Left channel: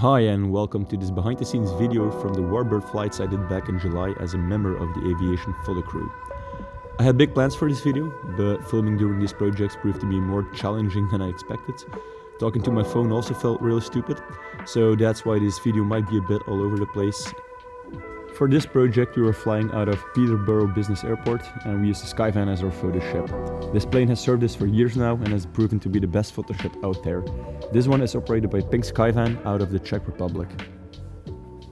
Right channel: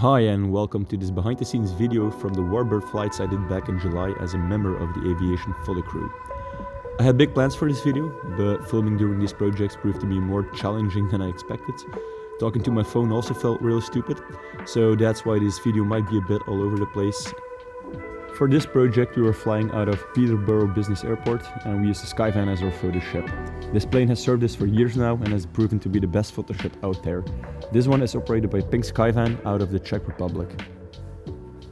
Hi and welcome to this behind the scenes video from the Warbird flights I did back in July as a member of the aviation photo crew. I had big plans for this video, but filming during these projects proved to be more challenging than I expected. Talking to my phone also felt really stupid, so that's why this video might be a bit all over the place. For this project we were flying out of Peterborough Business Airport and we used the Skyvan as our photo ship. This plane has served us for years now and has proven to be the best photo ship out there. This one is operated by Pink Skyvan out of the Czech Republic.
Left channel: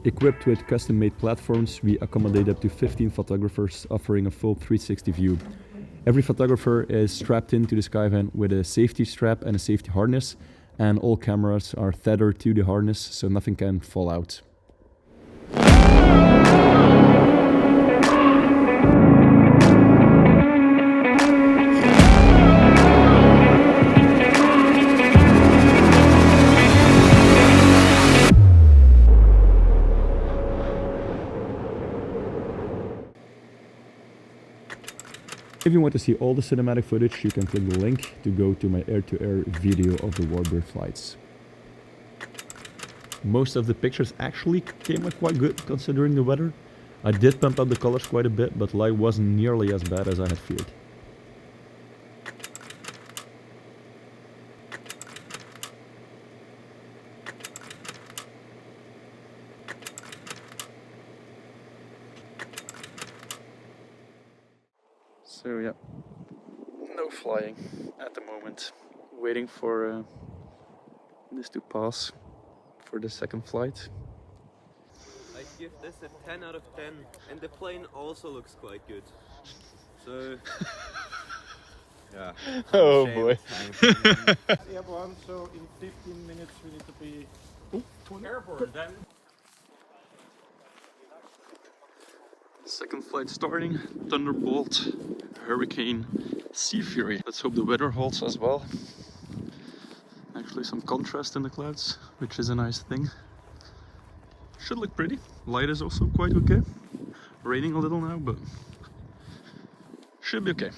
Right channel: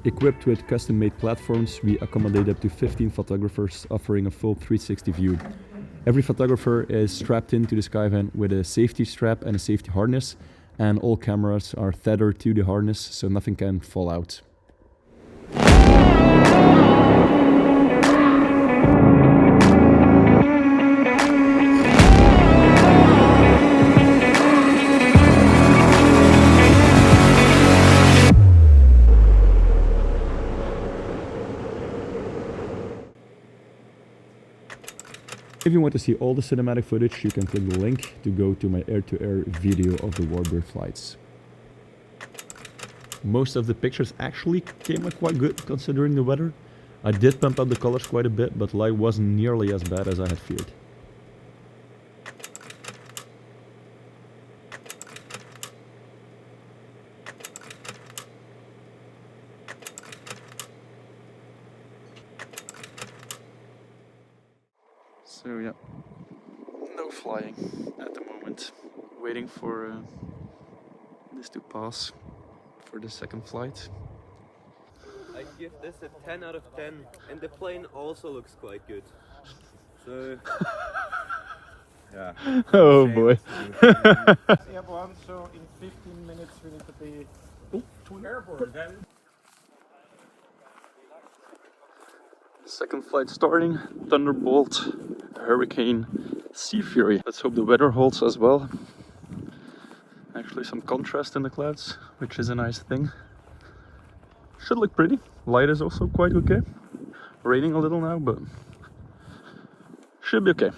Equipped with custom-made platforms, we accommodate up to 15 photographers, offering a full 360 view. Every photographer is strapped into the Skyvan with a safety strap and a safety harness, and all cameras are tethered to the harness so nothing can fall out. If you want to see all the cinematic footage, you can click the link to go to my air-to-air video of the Warbird flights. Most of the pictures actually came out quite good considering the weather. I did pump up the colors quite a bit, but light wasn't nearly as bad as I had feared. So yeah, no flying at the moment. Waiting for this to pass for the second flight. I give this a 10 out of 10, and the plane also looks quite good. So yeah. Oh boy. Airborne, so in 15 minutes we need to be airborne then. Second flight starting, Thunderbolt, Hurricane, Sea Fury. Let's hope the weather holds as well. Actually some contrast in the clouds, which is a nice thing. Should look pretty. Light is also quite okay. Raining a little now, but should be okay.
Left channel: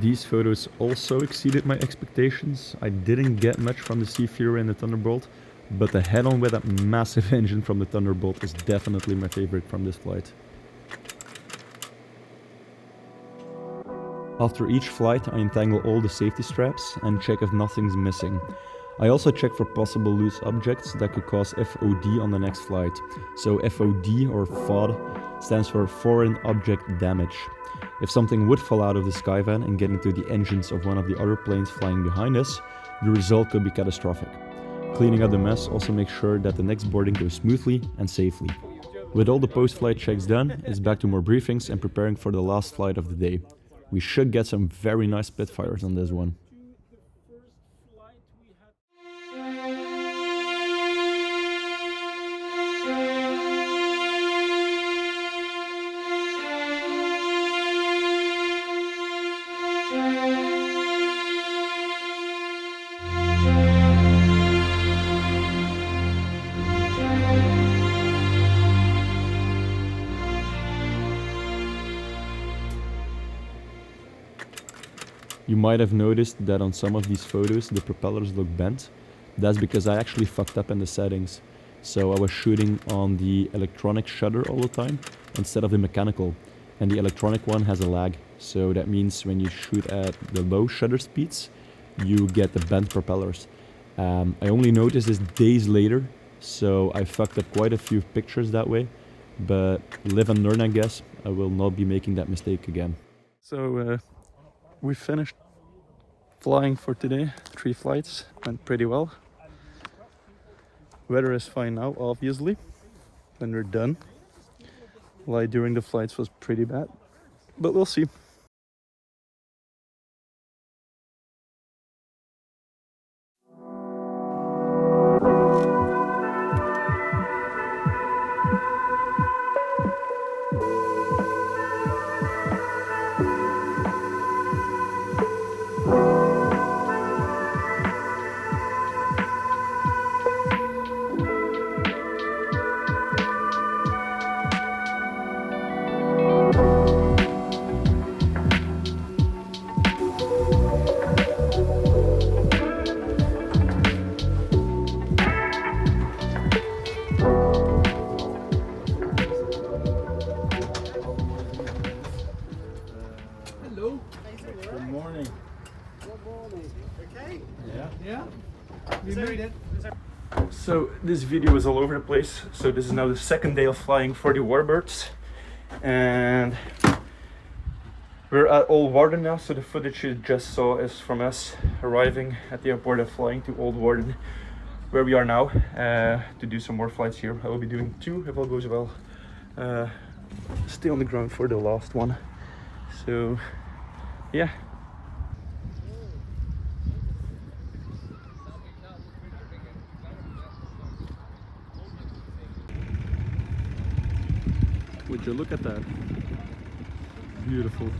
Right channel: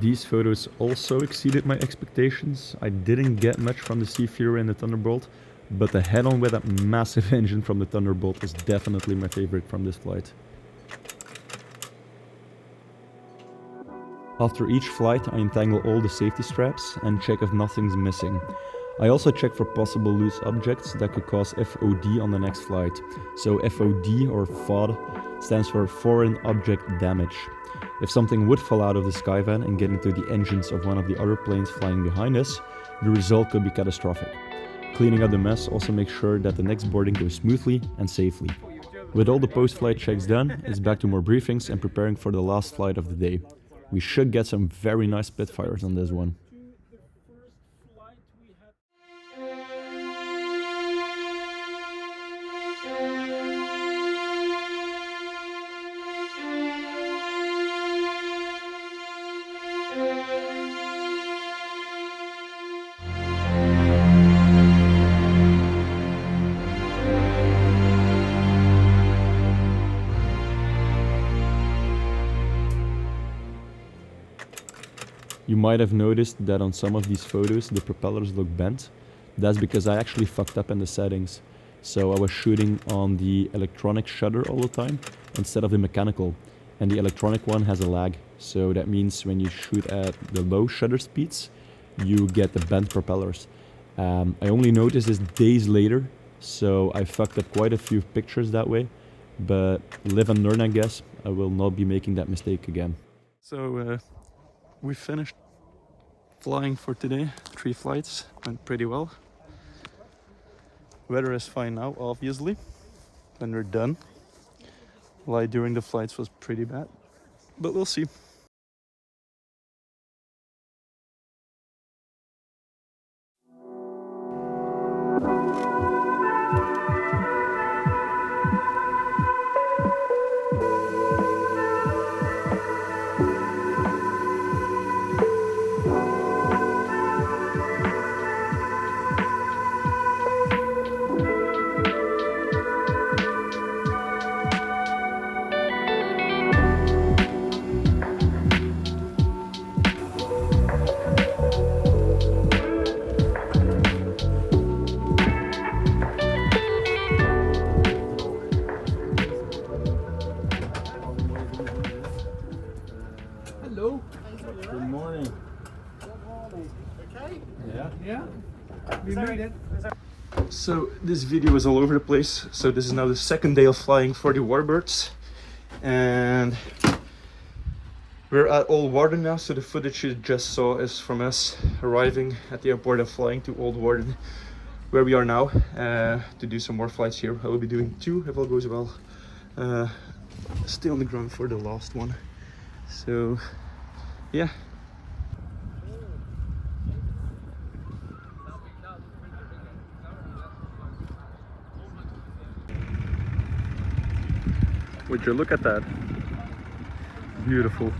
These photos also exceeded my expectations. I didn't get much from the Sea Fury and the Thunderbolt, but the head-on with that massive engine from the Thunderbolt is definitely my favorite from this flight. After each flight, I untangle all the safety straps and check if nothing's missing. I also check for possible loose objects that could cause FOD on the next flight. So FOD, or FOD, stands for Foreign Object Damage. If something would fall out of the Skyvan and get into the engines of one of the other planes flying behind us, the result could be catastrophic. Cleaning up the mess also makes sure that the next boarding goes smoothly and safely. With all the post-flight checks done, it's back to more briefings and preparing for the last flight of the day. We should get some very nice Spitfires on this one. You might have noticed that on some of these photos the propellers look bent. That's because I actually fucked up in the settings. So I was shooting on the electronic shutter all the time instead of the mechanical. And the electronic one has a lag. So that means when you shoot at the low shutter speeds, you get the bent propellers. I only noticed this days later, so I fucked up quite a few pictures that way. But live and learn, I guess. I will not be making that mistake again. So we finished flying for today. 3 flights, went pretty well. Weather is fine now, obviously, when we're done. Light during the flights was pretty bad, but we'll see. So this video is all over the place. So this is now the second day of flying for the Warbirds, and we're at Old Warden now. So the footage you just saw is from us arriving at the airport and flying to Old Warden, where we are now, to do some more flights here. I will be doing 2 if all goes well. Stay on the ground for the last one. So yeah. Would you look at that? Beautiful.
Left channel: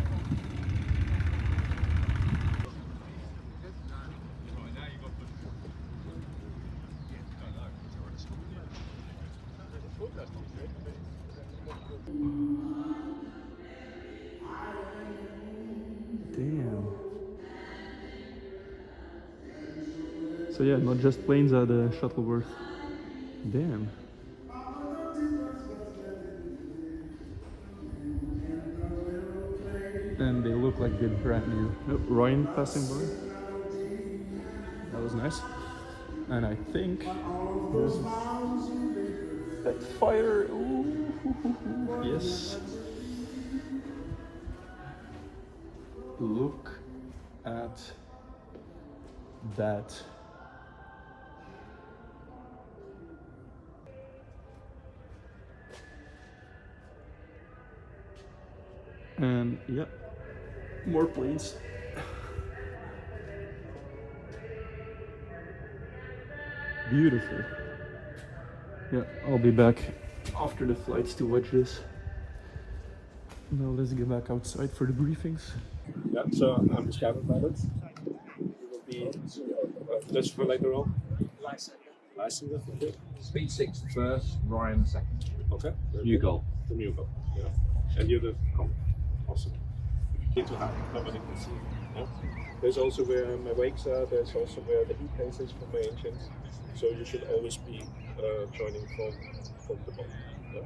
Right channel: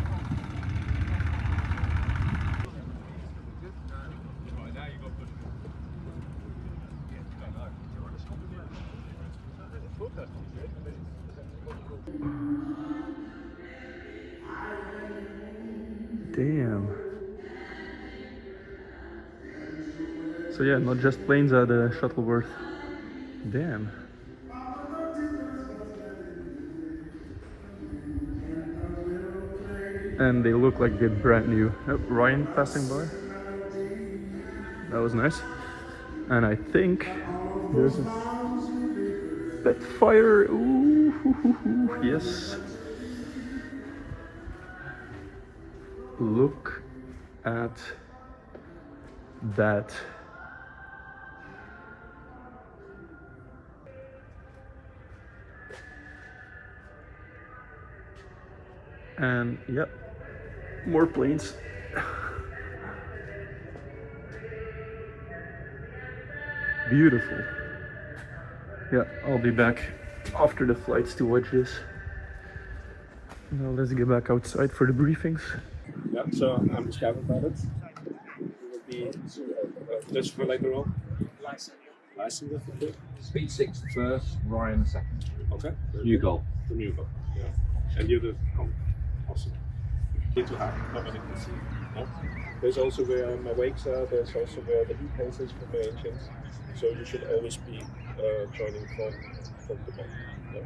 Damn. So yeah, not just planes at Shuttleworth. Damn. And they look like they're brand new. Oh, Ryan passing by. That was nice. And I think there's that fire. Ooh, yes. Look at that. And yep, more planes. Beautiful. Yeah, I'll be back after the flights to watch this. Now let's get back outside for the briefings. Yeah, so I'm the cabin pilot. You will be Dutch for later on. License, okay. Speed 6 first, Ryan the second. Okay. New goal. The new goal. Yeah. And you're the com. Awesome. Need to have nobody can see. Yeah? There's also where my wakes are. There's also where the heat planes is for my engines. So you should always be joining from the bottom. Yeah?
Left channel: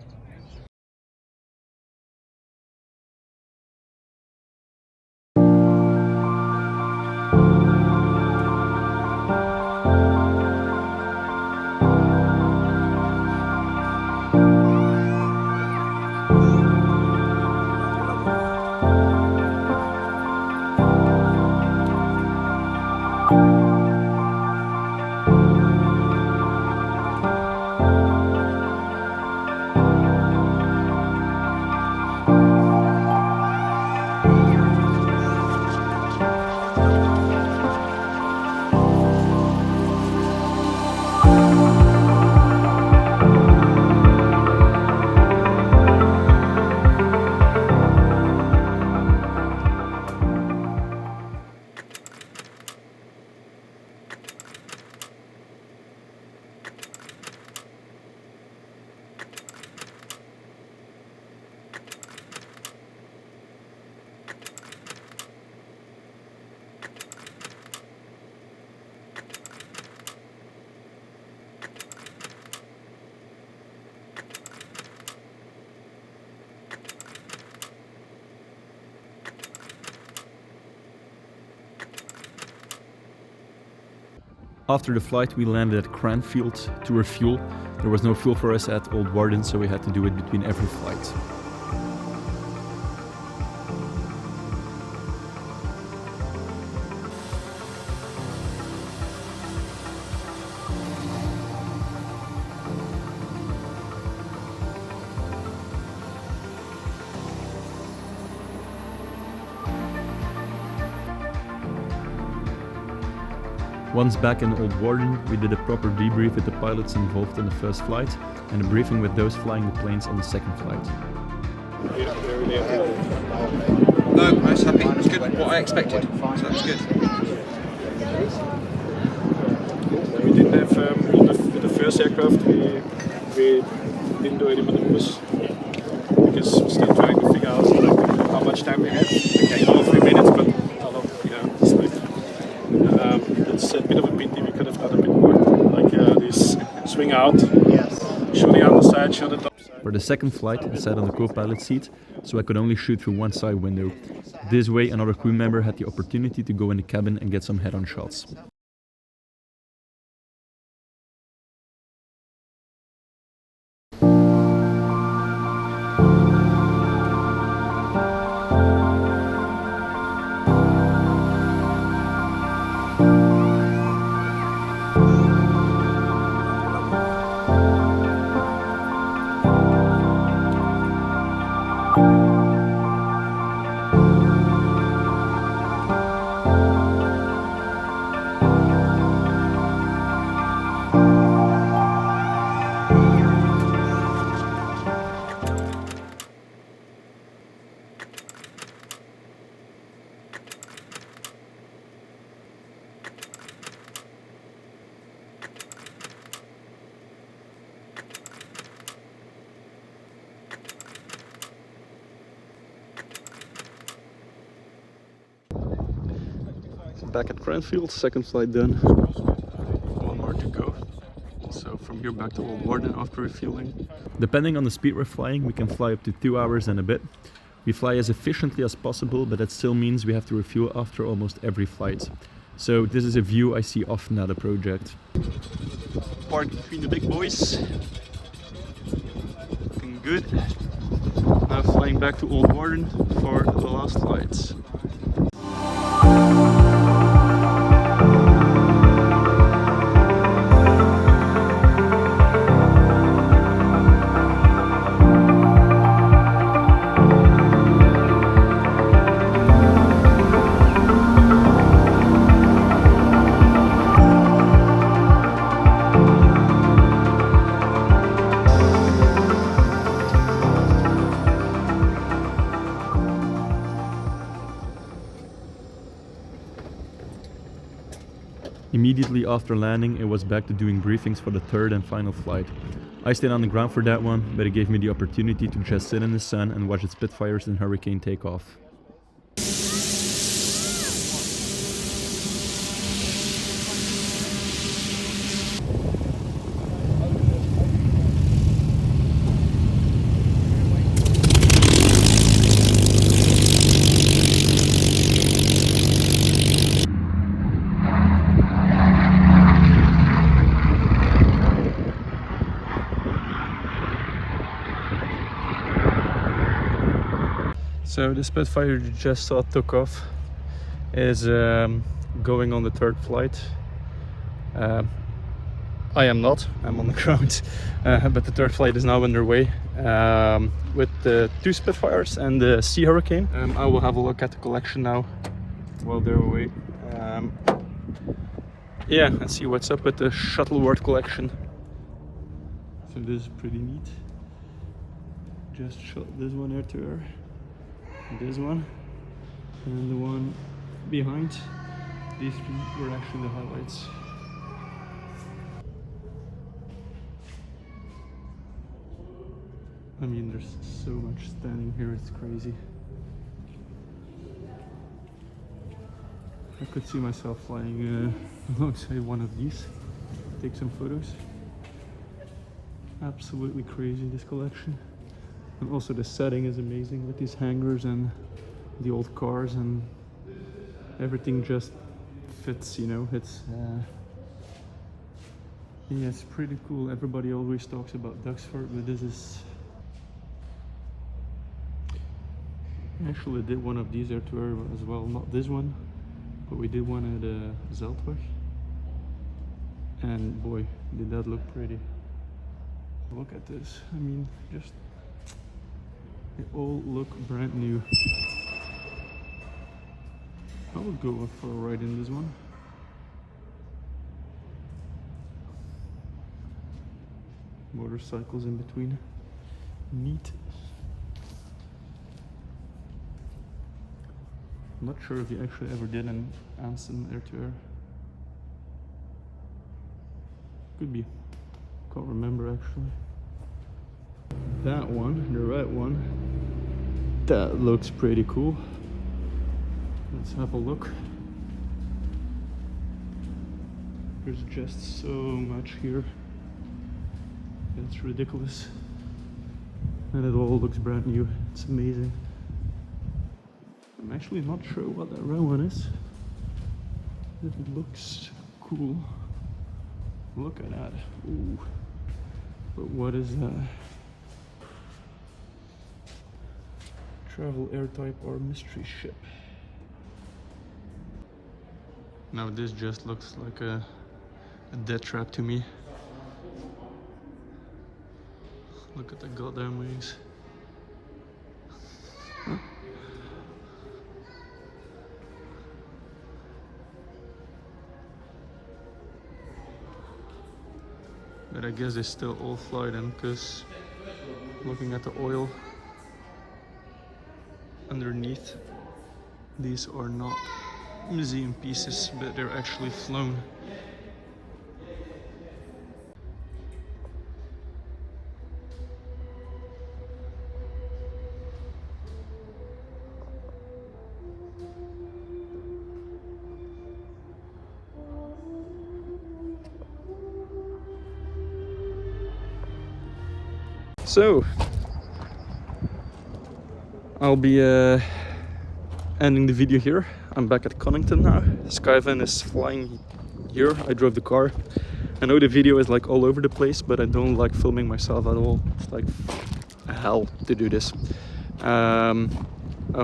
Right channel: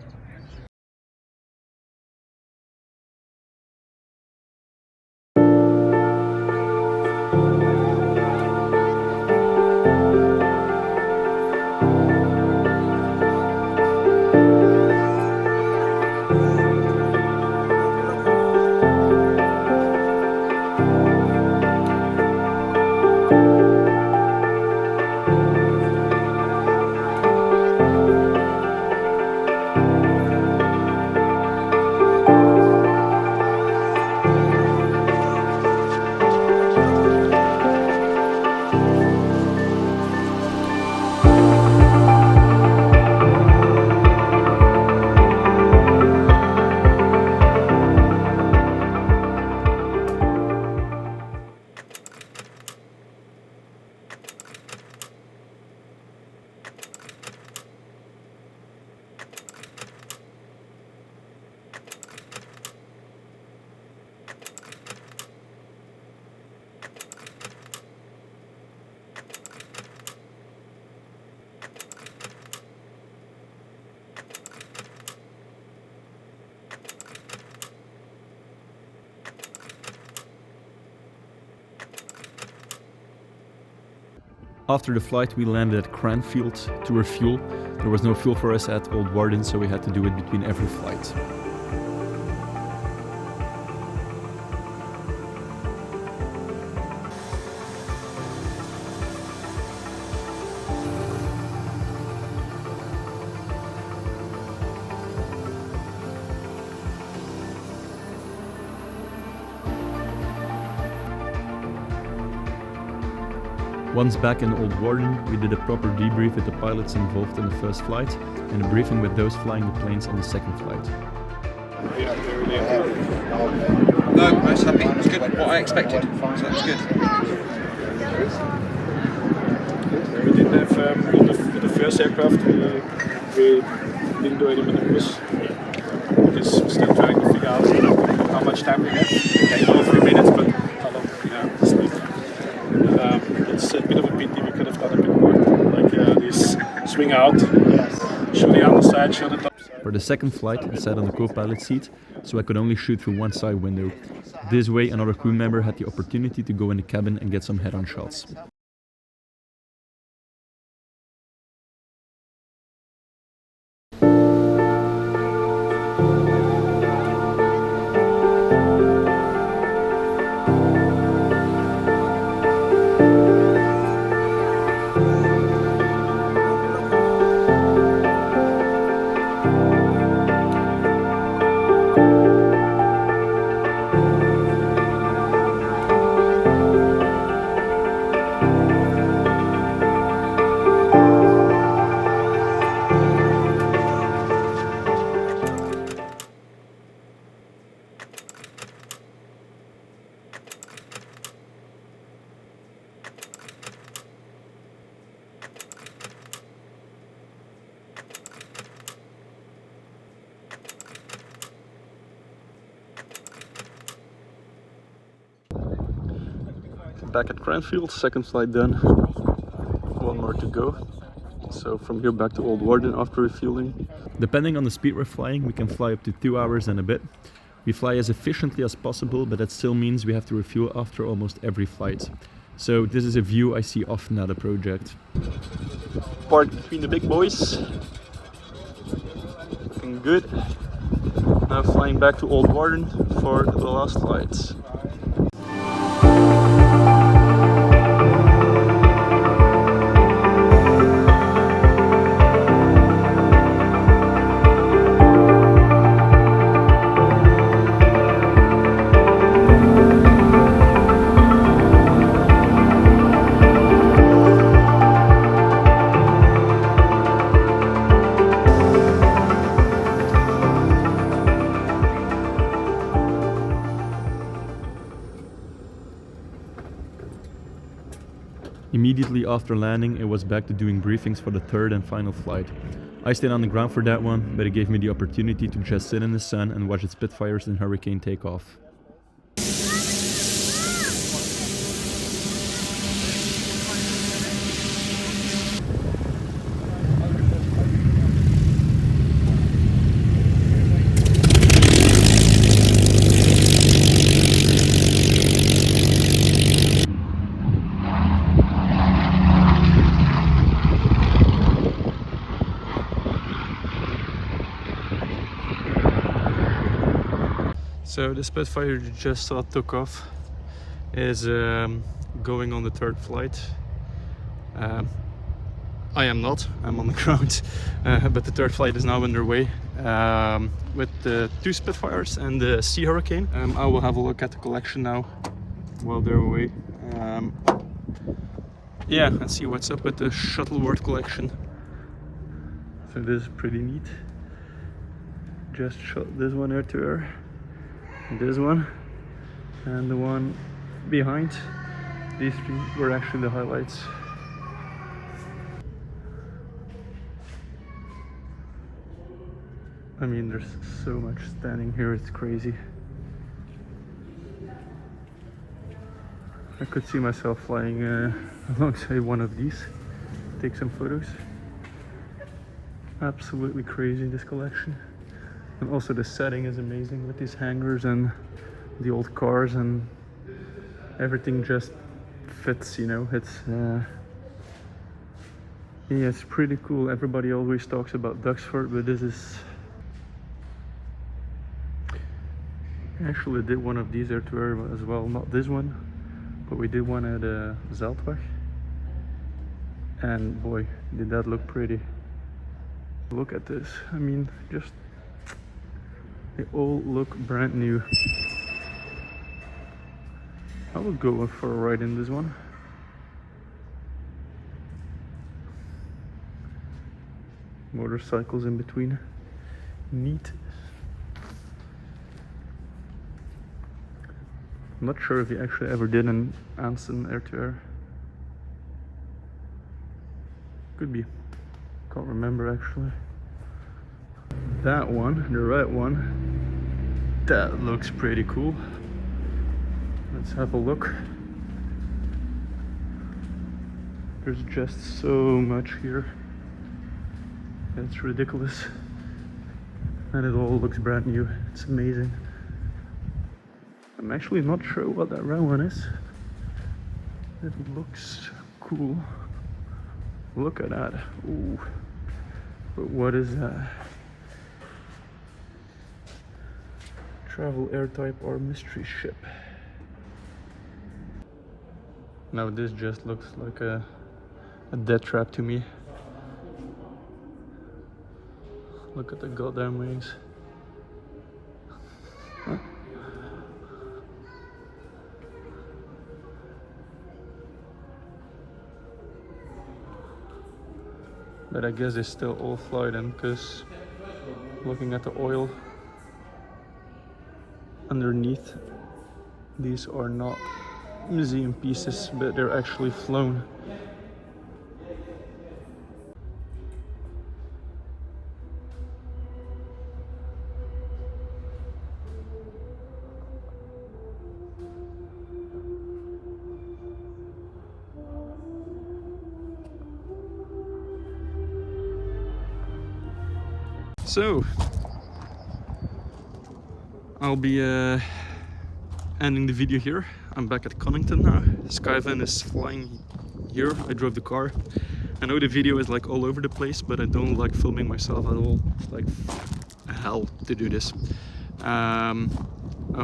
After the flight, we landed at Cranfield to refuel. There was no fuel for us at Old Warden, so we had to do it between every flight. Once back in Old Warden, we did a proper debrief with the pilots involved in the first flight and a briefing with those flying the planes on the second flight. Yeah, really happy. No, I was happy. It was good. What I expected. So that's good. We didn't have on the first aircraft. We didn't do any maneuvers because we're still trying to figure out how much time we have. Okay, not 3 minutes, but how long? Yeah, it's like, it's a bit of a pity. We could have done a bit more, like this swing out, show the underside, show the top side. For the second flight, I sat on the co-pilot seat, so I could only shoot through one side window. This way, another crew member had the opportunity to go in the cabin and get some head-on shots. back at Cranfield, second flight done, one more to go. So from here back to Old Warden after refueling. Depending on the speed we're flying, we can fly up to 2 hours and a bit. We fly as efficiently as possible, but that still means we have to refuel after almost every flight. So this is a view I see often at a project. Parked between the big boys. Looking good. Now flying back to Old Warden for the last flights. Immediately after landing, it was back to doing briefings for the third and final flight. I stayed on the ground for that one, but it gave me the opportunity to just sit in the sun and watch the Spitfires and Hurricane take off. So the Spitfire you just saw took off is going on the third flight. I am not, I'm on the ground, but the third flight is now underway with the 2 Spitfires and the Sea Hurricane. I will have a look at the collection now while they're away. Yeah, and see what's up with the Shuttleworth collection. So this is pretty neat. Just shot this one air to air. This one and the one behind. These 3 were actually the highlights. I mean, there's so much standing here, it's crazy. I could see myself flying alongside one of these, take some photos. Absolutely crazy, this collection. And also the setting is amazing with these hangars and the old cars, and everything just fits, you know. It's yeah, it's pretty cool. Everybody always talks about Duxford, but this is actually did one of these air to air as well. Not this one, but we did one at Zeltweg, and boy, did that look pretty. Look at this. I mean, just they all look brand new. I would go for a ride in this one. Motorcycles in between. Neat. I'm not sure if he actually ever did an Anson air-to-air. Could be. Can't remember actually. That one, the red one, that looks pretty cool. Let's have a look. There's just so much here. It's ridiculous. And it all looks brand new. It's amazing. I'm actually not sure what that red one is. It looks cool. Look at that. Ooh. But what is that? Travel air type or mystery ship. Now this just looks like a death trap to me. Look at the goddamn wings. Huh? But I guess they still all fly them, because looking at the oil underneath, these are not museum pieces, but they're actually flown. So I'll be ending the video here. I'm back at Connington now. Skyvan is flying here. I drove the car. I know the video is like all over the place, but I don't like filming myself at all. It's like hell to do this. I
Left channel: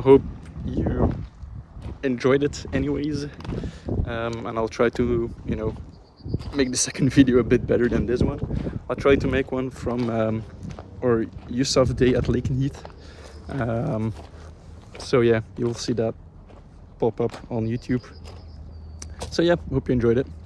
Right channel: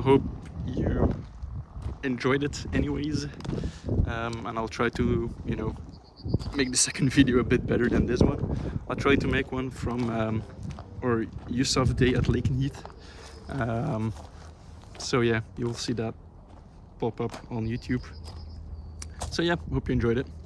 hope you enjoyed it anyways, and I'll try to, you know, make the second video a bit better than this one. I'll try to make one from or Yusuf's day at Lakenheath. So yeah, you'll see that pop up on YouTube. So yeah, hope you enjoyed it.